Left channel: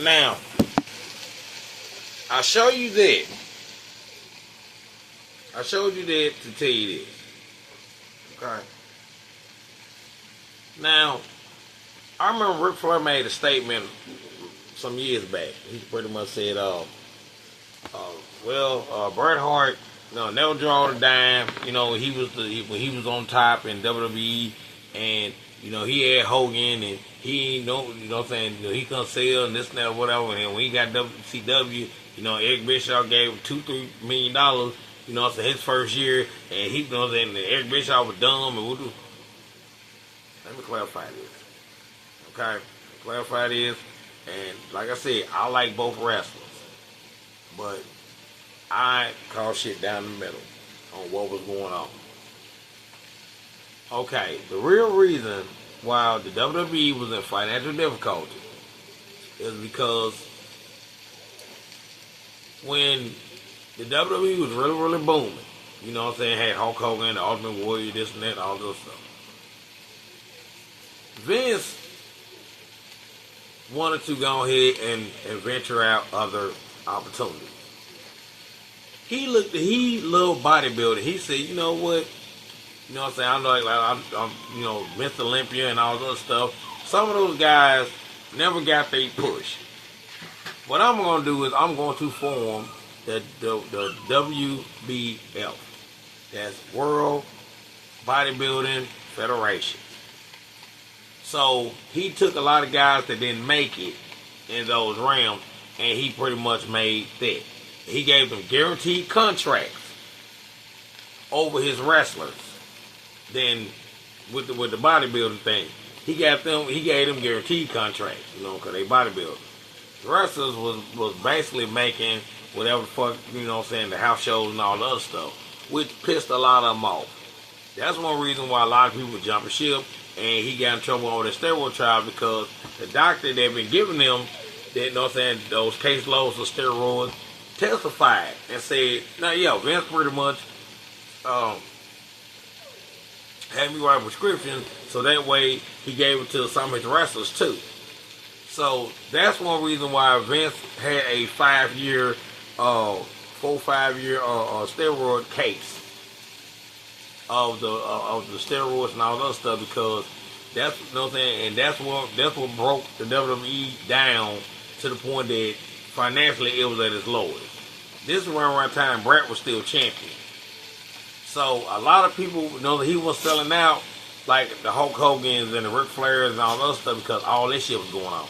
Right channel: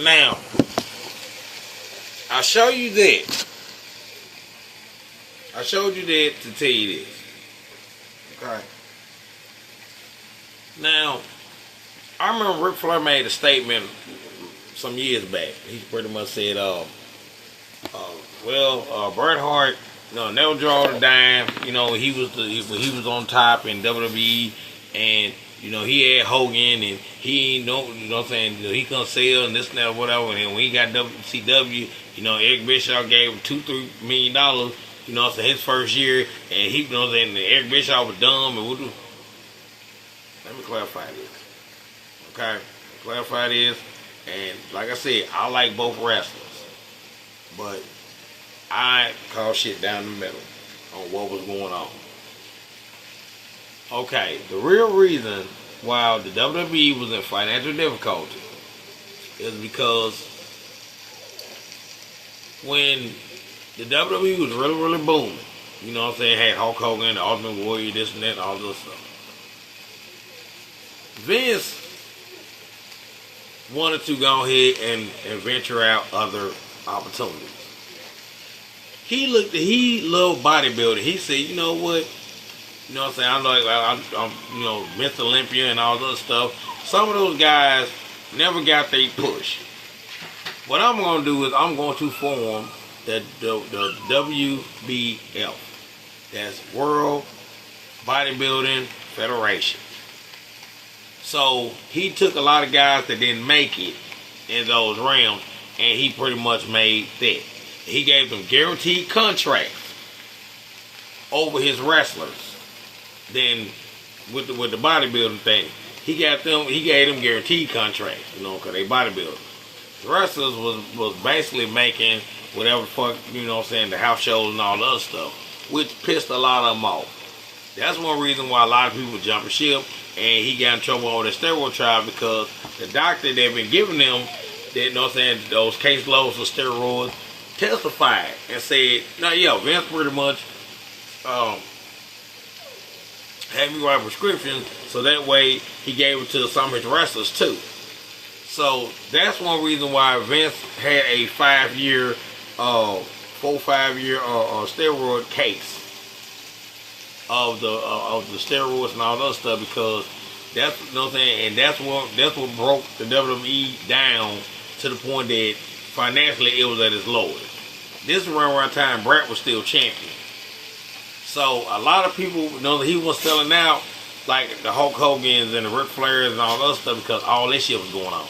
Now, I show you that. I showed you that to tell you this. Okay. Now, I remember Ric Flair made a statement some years back. He pretty much said, Bret Hart, never draw the dime. He was on top in WWE, and he had Hogan, and he ain't he couldn't sell and this and that or whatever. And when he got WCW, Eric Bischoff gave him $2-3 million. So his first year, and he, Eric Bischoff was dumb. And let me clarify this. Okay, clarify this. And like I said, I like both wrestlers, but I call shit down the middle on what was going on. Okay, the real reason why the WWE was in financial difficulty is because when the WWE was really, really booming, had Hulk Hogan, the Ultimate Warrior, this and that, all this stuff. Vince wanted to go ahead and venture out other opportunities. He loved bodybuilding. He said, you know what? I'm Mr. Olympia and all this stuff. Some of those guys never got their push. What I'm going to do is I'm going to form the WBF. That's World Bodybuilding Federation. So he took a lot of guys that didn't make it in those realms, and he pretty much made that. He gave them guaranteed contracts over his wrestlers. Then with the bodybuilding thing, he gave them guaranteed contracts, because they bodybuilders. The wrestlers was basically making whatever fuck, the house shows and all the other stuff, which pissed a lot of them off. That's one reason why a lot of people jumping ship, and he got in trouble over the steroid trial because the doctor that been giving them that, those caseloads of steroids testified and said, Vince pretty much had me write prescriptions so that way he gave it to some of his wrestlers too. So that's one reason why Vince had a 5-year, 4-5-year steroid case of the steroids and all that stuff, because that's and that's what broke the WWE down to the point that financially it was at its lowest. This is around time Bret was still champion. So a lot of people know that he was selling out like the Hulk Hogan's and the Ric Flairs and all that stuff because all this shit was going on.